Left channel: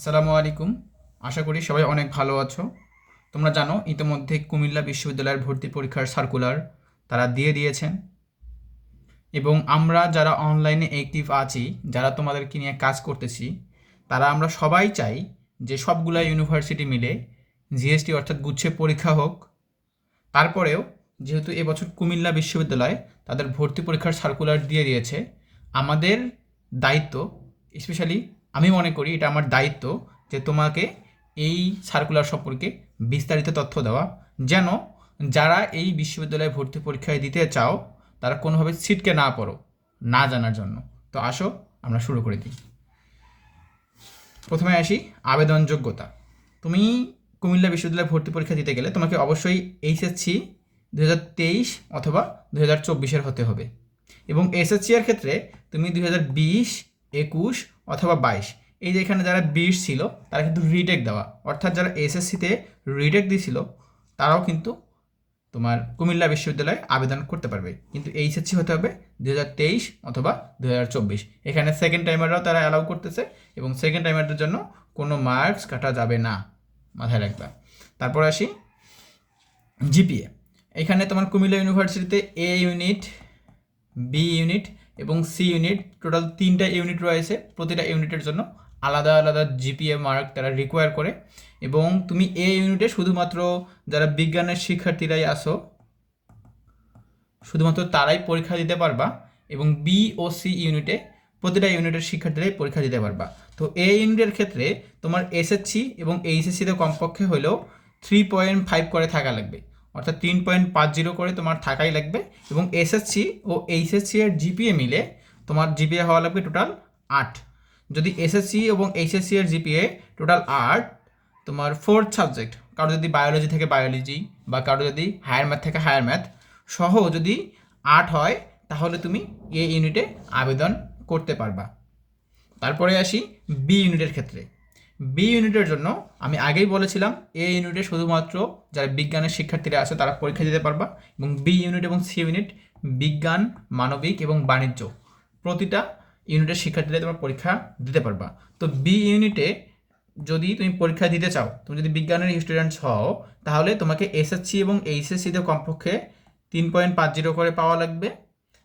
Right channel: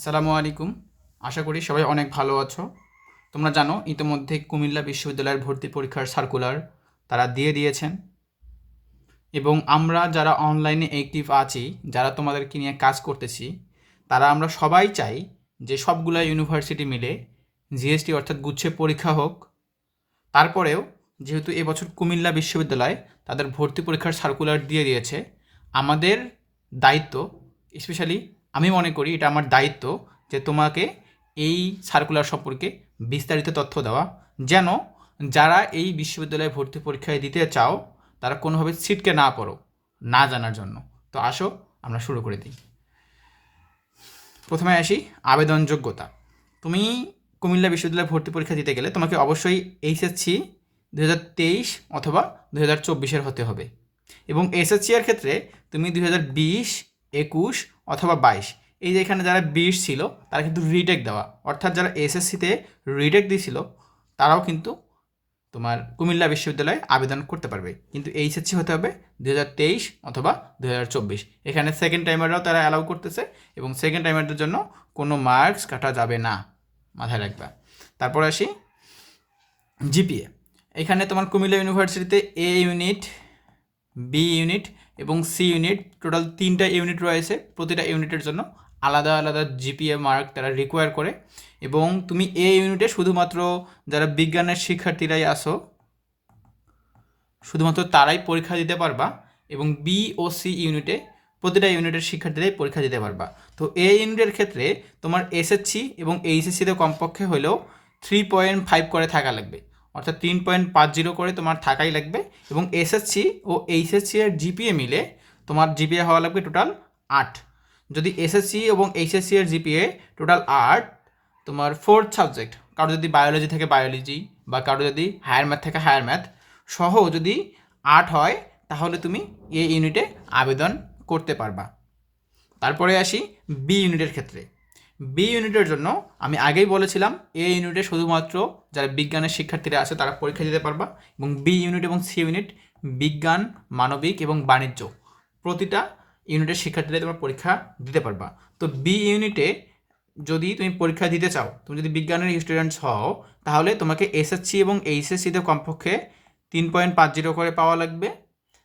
আসসালামু আলাইকুম। আশা করি সবাই অনেক ভালো আছো। তোমরা জানো ইতিমধ্যে কুমিল্লা বিশ্ববিদ্যালয়ের ভর্তি পরীক্ষার সার্কুলার তারা দিয়ে দিয়েছেন, এবং আমরা যারা অনলাইনে অ্যাক্টিভ আছি, যারা তোমাদেরকে নিয়ে কাজ করতেছি, তারা আমরা সবাই চাই যে সবগুলা ইউনিভার্সিটি মিলে জিএসটি অর্থাৎ গুচ্ছ পরীক্ষা হোক। তারপরেও যেহেতু এবছর কুমিল্লা বিশ্ববিদ্যালয় তাদের ভর্তি পরীক্ষার সার্কুলার দিয়ে দিয়েছে, আমাদের দায়িত্ব, স্পেশালি আমি মনে করি এটা আমার দায়িত্ব, যে তোমাকে এই সার্কুলার সম্পর্কে বিস্তারিত তথ্য দেওয়া, যেন যারা এই বিশ্ববিদ্যালয়ে ভর্তি পরীক্ষায় দিতে চাও তারা কোনোভাবে ছিটকে না পড়ো না জানার জন্য। তো আসো আমরা শুরু করে দিই। প্রথমে আসি আবেদন যোগ্যতা। তুমি কুমিল্লা বিশ্ববিদ্যালয়ে ভর্তি পরীক্ষা দিতে গেলে তোমাকে অবশ্যই এইচএসসি 2023 অথবা 2024 হতে হবে, এবং এসএসসি এর ক্ষেত্রে তুমি 2020, 21 অথবা 22, এই যে এখানে যারা 20 ছিল তারা কিন্তু রিটেক দেওয়া, অর্থাৎ যারা এসএসসিতে রিটেক দিয়েছিল তারাও কিন্তু তোমার কুমিল্লা বিশ্ববিদ্যালয়ে আবেদন করতে পারবে, কিন্তু এইচএসসি হতে হবে 2023 অথবা 2024। এখানে সেকেন্ড টাইমাররাও তারা অ্যালাউ করতেছে, এবং সেকেন্ড টাইমারদের জন্য কোনো মার্কস কাটা যাবে না, মাথায় রাখবা। তারপরে আসি জিপিএ। এখানে তোমার কুমিল্লা ইউনিভার্সিটিতে এ ইউনিট, বি ইউনিট এবং সি ইউনিট, টোটাল 3টা ইউনিট রয়েছে। প্রতিটা ইউনিটের জন্য আলাদা আলাদা জিপিএ মার্ক তারা রিকোয়ার করে, এবং তুমি এ ইউনিটে শুধুমাত্র যারা বিজ্ঞানের শিক্ষার্থীরাই আসো শুধুমাত্র তারাই পরীক্ষা দিতে পারবা, এবং বি ও সি ইউনিটে প্রতিটা ইউনিটের শিক্ষার্থীরাই পরীক্ষা দিতে পারবা। তো এ ইউনিটের ক্ষেত্রে তোমার এসএসসি এবং এইচএসসিতে কমপক্ষে হলেও 3.5 করে থাকা লাগবে, অর্থাৎ 3.50 করে তোমার থাকাই লাগবে, এবং এসএসসি ও এইচএসসি এর জিপিএ মিলে তোমার জিপিএ হওয়া লাগবে টোটাল 8। যদি এসএসসি এবং এইচএসসি এর জিপিএ টোটাল 8, তোমার ফোর্থ সাবজেক্ট, কারো যদি বায়োলজি থেকে বায়োলজি, বা কারো যদি হায়ার ম্যাথ থেকে হায়ার ম্যাথ সহ যদি 8 হয়, তাহলে তুমি এ ইউনিটে আবেদন করতে পারবা। তারপরে আসি বি ইউনিটের ক্ষেত্রে। বি ইউনিটের জন্য আমি আগেই বলেছিলাম, এ ইউনিটে শুধুমাত্র যারা বিজ্ঞানের শিক্ষার্থীরা আছে তারা পরীক্ষা দিতে পারবা, এবং বি ইউনিট এবং সি ইউনিট বিজ্ঞান, মানবিক এবং বাণিজ্য প্রতিটা ইউনিটের শিক্ষার্থীরা তোমরা পরীক্ষা দিতে পারবা। তো বি ইউনিটে যদি তুমি পরীক্ষা দিতে চাও, তুমি যদি বিজ্ঞানের স্টুডেন্টস হও, তাহলে তোমাকে এসএসসি এবং এইচএসসিতে কমপক্ষে 3.50 করে পাওয়া লাগবে,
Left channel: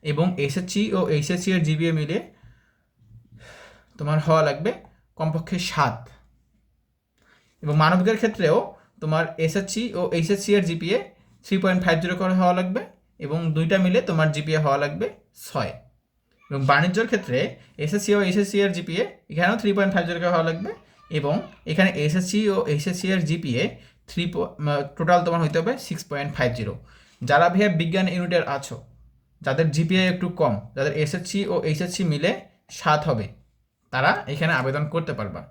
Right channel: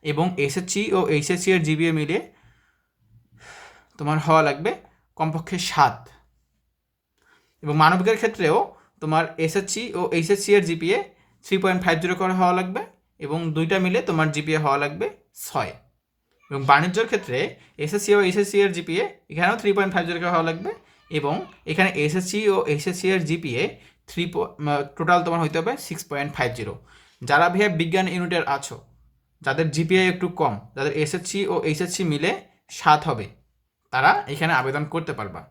এবং এসএসসি ও এইচএসসি এর জিপিএ মিলে তোমার হওয়া লাগবে কমপক্ষে 7। এবং মানবিকের ক্ষেত্রেও তোমার এসএসসি ও এইচএসসি এর জিপিএ 3.50 করে হওয়া লাগবে, এবং দুইটা মিলে তোমার জিপিএ হওয়া লাগবে 6। এবং বাণিজ্যের ক্ষেত্রে এসএসসি ও এইচএসসি এর জিপিএ এখানেও 3.50 করে হওয়া লাগবে, এবং এখানে এসএসসি ও এইচএসসি এর জিপিএ টোটাল তোমার হইতে হবে 6.50। যারা ভাইয়া বিজ্ঞান ইউনিটের আছো, যাদের জিপিএ একটু কম, যাদের এসএসসি ও এইচএসসি মিলে 7 হবে, তারা এখানে আবেদন করতে পারবা।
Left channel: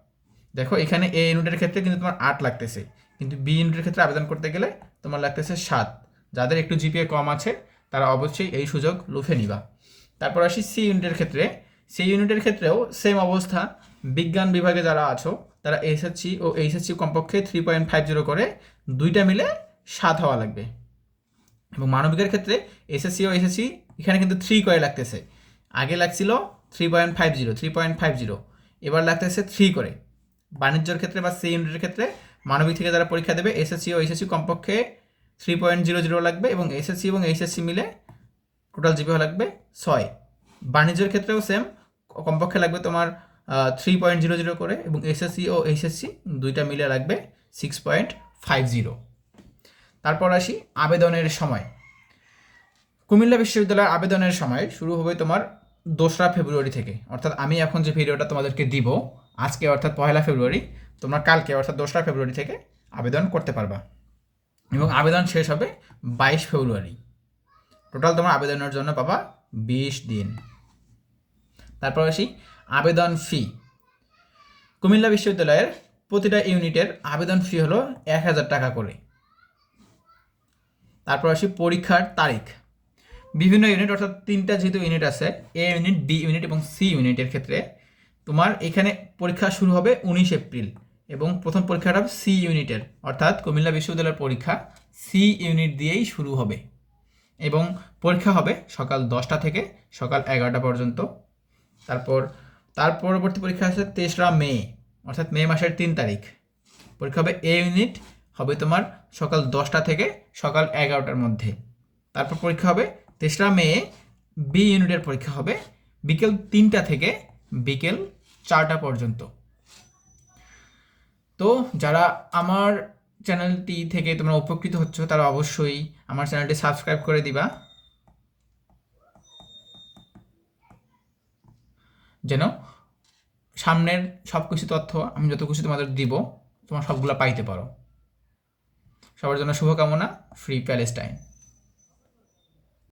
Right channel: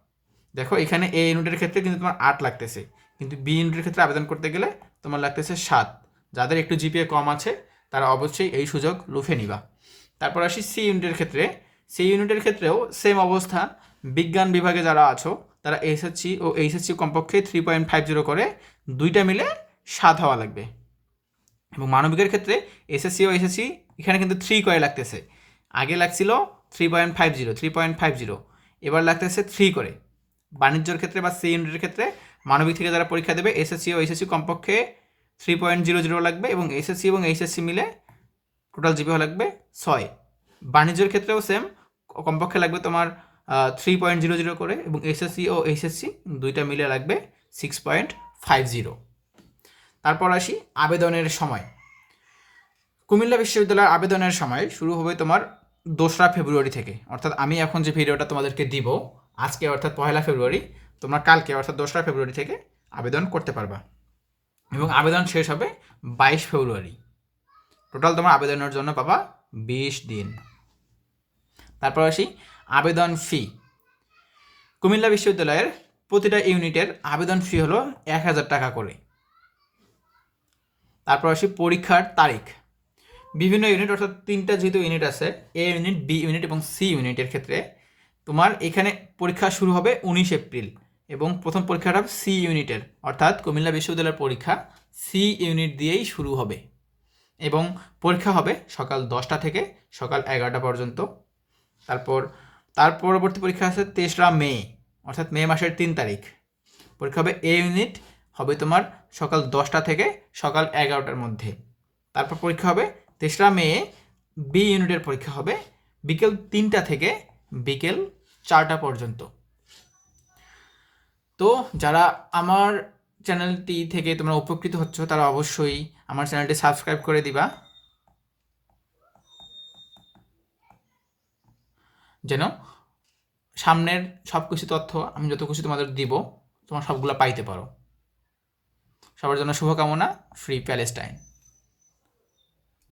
দেখো এখানে এ ইউনিটের ক্ষেত্রে কিন্তু তোমার 8 লাগতেছে, কিন্তু বি ইউনিটের ক্ষেত্রে আবেদন করতে গেলে তোমার লাগতেছে 7। যাদের একটু জিপিএ কম আছে তারা অবশ্যই এই সুযোগ লুফে নিবা। তারপর আসি সি ইউনিটের ক্ষেত্রে। সি ইউনিটের ক্ষেত্রেও সেম অবস্থা, বিজ্ঞান বিভাগে যারা আছো তারা এসএসসি ও এইচএসসি কমপক্ষে 3.50 করে দুইটা মিলে 7 হওয়া লাগবে। এবং মানবিকের ক্ষেত্রে এসএসসি ও এসএসসি এখানে কিন্তু 3 করে লাগতেছে, আগে লাগছিল 3.50, এবার লাগতেছে 3 করে। বাণিজ্যের ক্ষেত্রে বা সি ইউনিটের ক্ষেত্রে মানবিক থেকে যারা পরীক্ষা দেবে এসএসসি ও এইচএসসি কমপক্ষে 3.00 লাগবে, এবং এসএসসি এবং এইচএসসি মিলে টোটাল জিপিএ লাগবে 6। বাণিজ্যের ক্ষেত্রেও সেম, কমপক্ষে লাগবে তোমার 3.00 করে, এবং এসএসসি ও এইচএসসি দুইটা মিলে লাগবে 6.50। তারপর আসি আবেদনের সময়। কুমিল্লা বিশ্ববিদ্যালয়ের আবেদনের সময় শুরু হবে তোমার 2রা ফেব্রুয়ারি থেকে, অর্থাৎ আমি এখন যে ভিডিওটা তোমাদেরকে দিব আজকে অর্থাৎ 1লা ফেব্রুয়ারি, তোমরা কালকে অর্থাৎ 2রা ফেব্রুয়ারি থেকে আবেদন করতে পারবা, এবং আবেদন শেষ হবে 22 ফেব্রুয়ারি। টোটাল তোমার আবেদনের জন্য পাবা 20 দিন। তারপর আসি আবেদন ফি। কুমিল্লা বিশ্ববিদ্যালয়ের প্রতিটা ইউনিটের আবেদন ফি হলো 1000 টাকা করে। তারপর আসি পরীক্ষার তারিখ। বিভিন্ন ইউনিট, অর্থাৎ 3টা যেহেতু ইউনিট আছে, এ ইউনিট, বি ইউনিট এবং সি ইউনিটের ক্ষেত্রে তোমার এখানে পরীক্ষা শুরু হবে 19 এপ্রিল, এবং প্রথম পরীক্ষাটা হবে সি ইউনিটের, অর্থাৎ কুমিল্লা বিশ্ববিদ্যালয়ের পরীক্ষা সি ইউনিট দিয়েই শুরু হবে, এবং পরীক্ষা হবে সকাল 10টা থেকে সকাল 11টা পর্যন্ত। তার পরবর্তী পরীক্ষা আছে 3রা মে, অর্থাৎ মে মাসের 3 তারিখ পরীক্ষা হবে। এ ইউনিট হবে তোমার সকাল 10টা থেকে সকাল 11টার মধ্যে। তারপর পরীক্ষা হবে 3রা মে, বি ইউনিটের পরীক্ষা হবে বিকেল 3টা থেকে বিকেল 4টা পর্যন্ত। তো যারা আমার চ্যানেলটি থেকে তোমরা উপকৃত হচ্ছ তারা অবশ্যই আমার চ্যানেলটি সাবস্ক্রাইব করে দিবা, যেন সামনের সব কিছু তথ্য আমি যত কিছু তোমাদের দিব তোমার সবগুলো পাইতে পারো। সবার জন্য শুভকামনা। Free Palestine.